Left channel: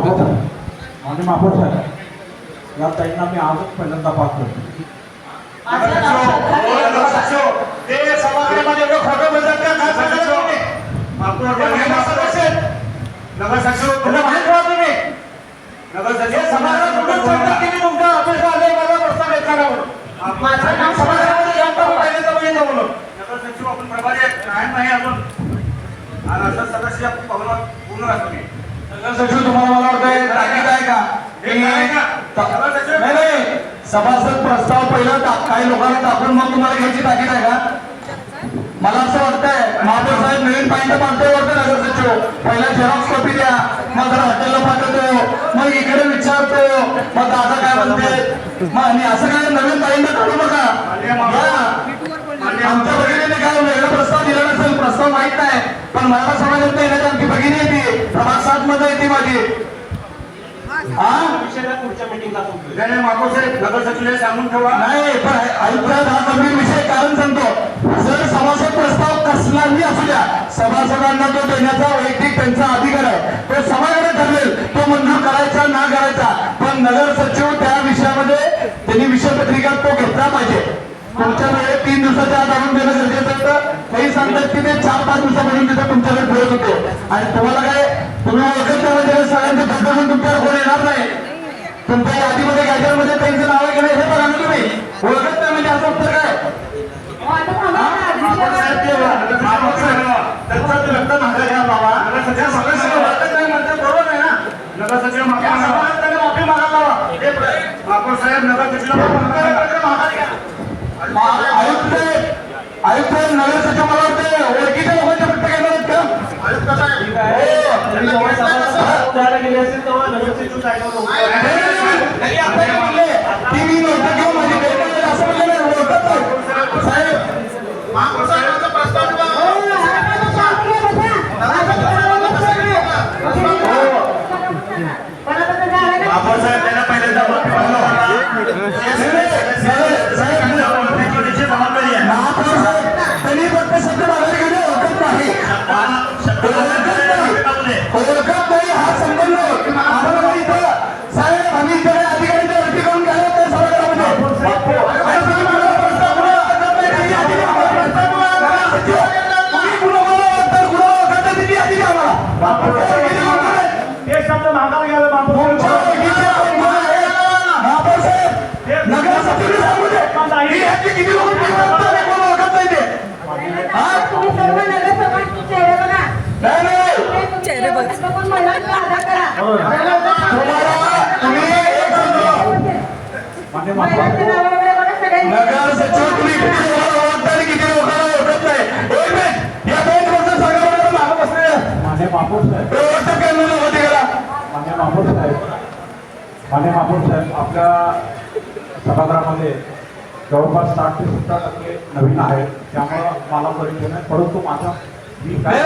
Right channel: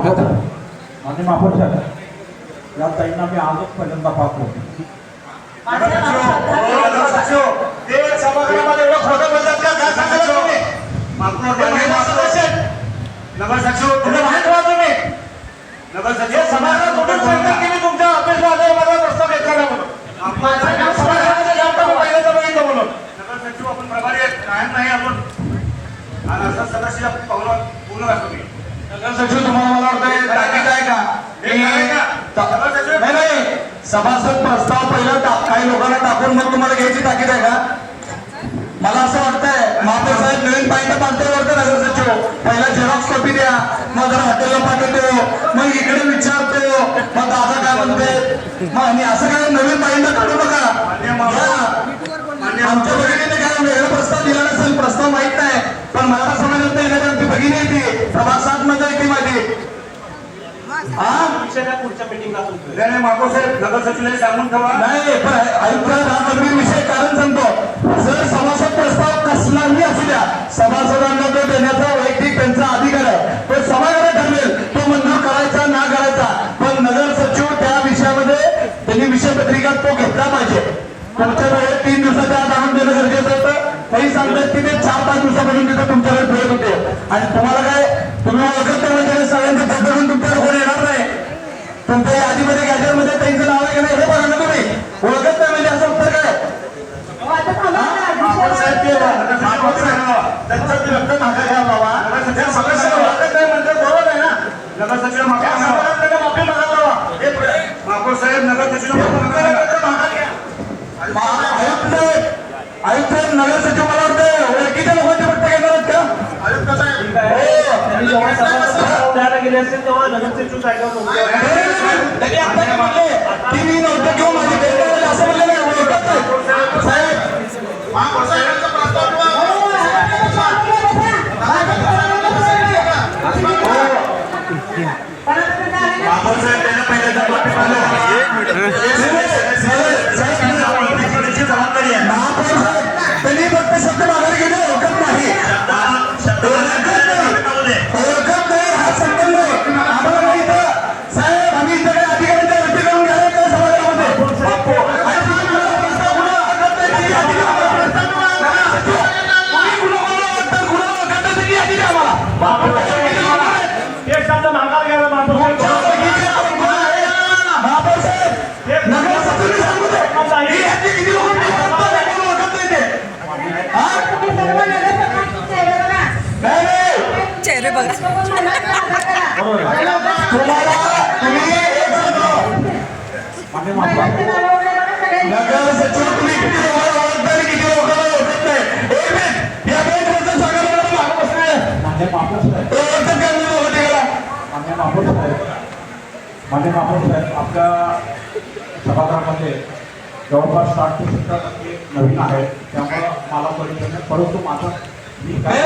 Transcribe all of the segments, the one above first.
स्वागत आहे आणि महापौर या ताईंना मी आजच पहिल्यांदा पाहतो. ते समाजामध्ये एवढं खोटं बोलतात का? काय सांगता तुम्ही? नगर सचिव तुला माहित आहे तुम्ही? नगर सचिव समाजाला कुठून सांगता की मी तुमच्या ऑफिसला आले मला प्रस्ताव घेतला म्हणून. माझं काम समाजाचं काम तर पहिल्यांदा बघितलं म्हणून. नगर सचिव आपण प्रभारी आहेत कायम नाही अजून. आणि असं सदस्य पूर्ण असतो मी. नगर सचिव तुम्हाला मला वाटतं ताकीद आहे का? नाही सभासद प्रस्ताव पहिला काही लोकांना टाकून मग तुम्हाला घ्यायची ताकीद आहे का? मला असं वाटतंय महापौर साहेब नवीन पॉईंट मानतोय वाटतं नगर सचिव. पहिला झेरॉक्स कॉपी द्या, मग जरा हॉटेलला पाठवतो, मग इकडे विचारतो, मग दादा काय म्हणते, मग आणि असं काय नवीन पॉईंट काढू नका. आमच्या भगिनीने काय वेगळा प्रस्ताव दिला नसेल, प्रस्ताव माहित नाही, पण मराठा समाजात येणारी आमची भगिनी येते प्रभाग 7 मध्ये येते माझी. नाही पण ऐका गंभीर विषय कारण सांगतो. जर सभासद प्रस्ताव कसलाही असू द्या, सभासदांना तो देण्याचा वैयक्तिक त्यांचा अधिकार आहे, तो सभागृह ठरवेल तो मंजूर करायचा ना करायचा. पण नगर सचिव त्या विषयामध्ये त्यांनी विषय पत्रिका तो घेतला पाहिजे. तुमच्या वेळेत 3 दिवसाच्या आत आणून देणं गरजेचं होतं. काही सांगतात की ते 4-5 दिवसापासून तिथं तुमच्याकडे बोलत होते आणि तुम्हाला काय तुम्ही ओळखत म्हणजे सगळ्यांचे पद्धतून तुमच्याकडे कोण येणार नाही. तुमच्या यादीमध्ये गॅजेटमध्ये त्यांचं नाव आहे का नाही हे बघा ना तुम्ही. ओळखत नाही म्हणजे असं उत्तर काय? आयुक्त नगर सचिव मला वाटतं ओळखीच्या लोकांची पट्ट घेणार आहेत का? टीव्ही नव्हतं किंवा माझी गैरसमज असं म्हणजे ओळखत नाही साहेब. त्यांनी फक्त शब्द माघारी घेणे ओळखत नाही, ओळखत नाही हा संबंध आहे आम्हाला माहित आहे साहेब. आम्ही इथे अधिकाऱ्यांच्या वरती करून घ्यायला त्या समाजामध्ये नगर सचिव सांगू दे किती लोक ओळखत नाही ते. चेहरे बघ नगर सचिव तुम्ही किती लोकांना ओळखता आणि किती लोकांना ओळखत नाही. एक मिनिट या 2 वर्षात सांगा मला मागं बसले मान्य महापौर साहेब, ओळखत काय म्हणून होती गेला. मान्य महापौर साहेब, मान्य महापौर साहेब, आपल्या सभागृहामध्ये जवळपास 60 ते 70% नवीन आहेत, त्यामुळं मला परिचय नाही. परंतु मी काय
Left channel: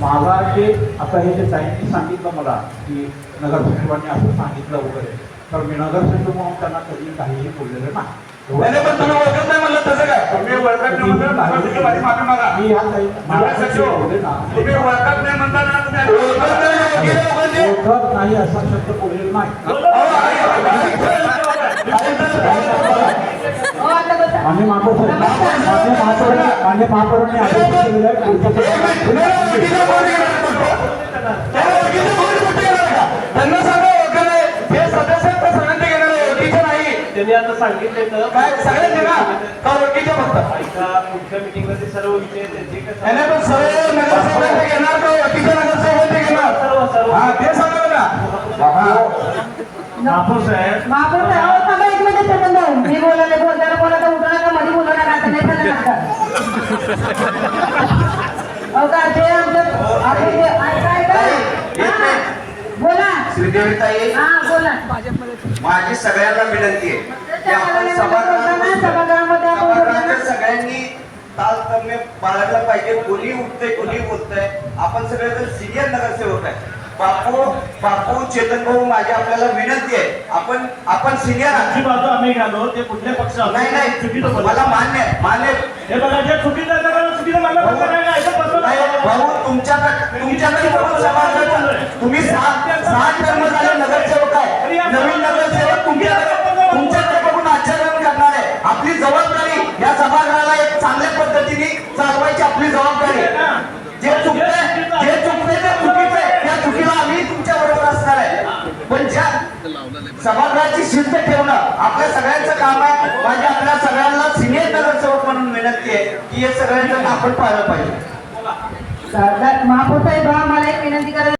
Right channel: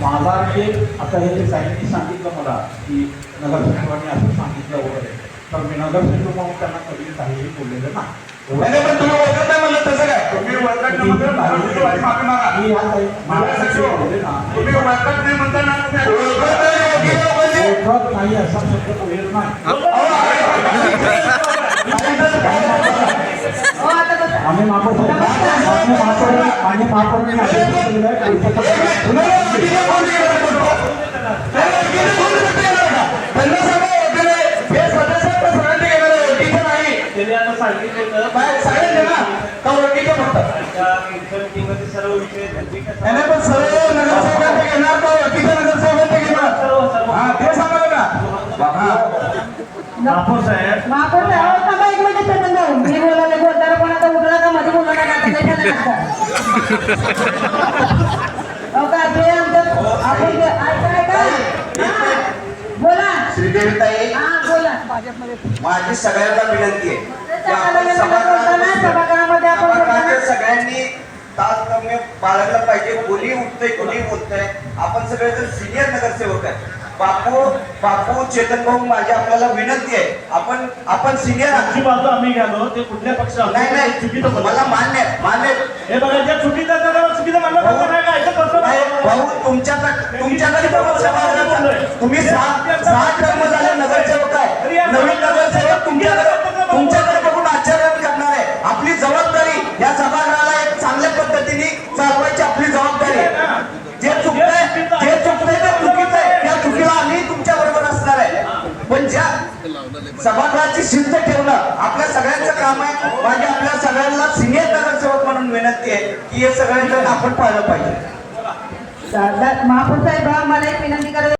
माझा जे आता हे जे साहेबांनी सांगितलं मला की नगर सचिवांनी असं सांगितलं वगैरे, तर मी नगर सचिव म्हणून त्यांना कधी काहीही बोललेलं नाही. पण तुम्ही ओळखत नाही म्हणलं तसं काय? तुम्ही ओळखत नव्हतं माफी मागा. मी या ताई नगर सचिव तुम्ही ओळखत नाही म्हणताना ओळखत नाही ओळखीच्या लोकांची ओळखत नाही असा शब्द बोललेला नाही. मान्य महापौर मान्य महापौरांनी त्यांना सांगा ओळखत नाही हे सदस्य सगळ्यांनी घेणार ओळखीचं नाही. त्यांनी आता सांगितलं काय सगळ्यांनी ना तर ओळखीचं फक्त मीटिंगमध्ये सर्व विषय त्यांचे नाही पण सर्व नगरसेवकांचे घेणार का ओळखीच्या नगरसेवकांचे घेणार? सर्व सर्व हा ते सांगा ना. महापौर साहेब एक मिनिट सेकंद मी बोलायला बोलताना कोणाचा उठला का मध्ये बोलायला का ते बोला श्रीदेवीताई हा बोला माझी सगळ्यांना विनंती आहे की आपण सभागृहामध्ये सगळ्यांनी तारतम्य बाळगला पाहिजे. कोणी उठतंय कोणी बोलतंय, आपण सगळे तर सिनियर नगरसेवक आहे. बापू चेतन भाऊ माझी आपल्याला विनंती आहे, आपण सिनियर आहात. बाजू आम्ही घालो ते कुठल्या पक्ष नाही चुकीचं मला मान्य हे बघा जे चुकीचं भाऊ तुमच्याकडे तुम्ही 6 टर्म झाले नगरसेवक आहे. नवीन नगरसेवक तुमच्याकडे बघून आश्चर्य करणार आहे. आपली जबाबदारी या सभागृहाला एक चांगल्या पद्धतीने चालवायची आपली जबाबदारी आहे. जे चुकतंय ते चुकीचं आहे. त्या चुकीला आम्ही तुमच्या बरोबर असणार आहे. पण ज्या सभागृहाची शिस्त ठेवणं आपल्या सगळ्यांचं काम आहे. माझ्या आपल्या सगळ्यांना सिनियर नगरसेवक म्हणून विनंती आहे की हे सगळ्यांचं आपण पाहिलं पाहिजे. महापौर साहेब मला एक विनंती करायला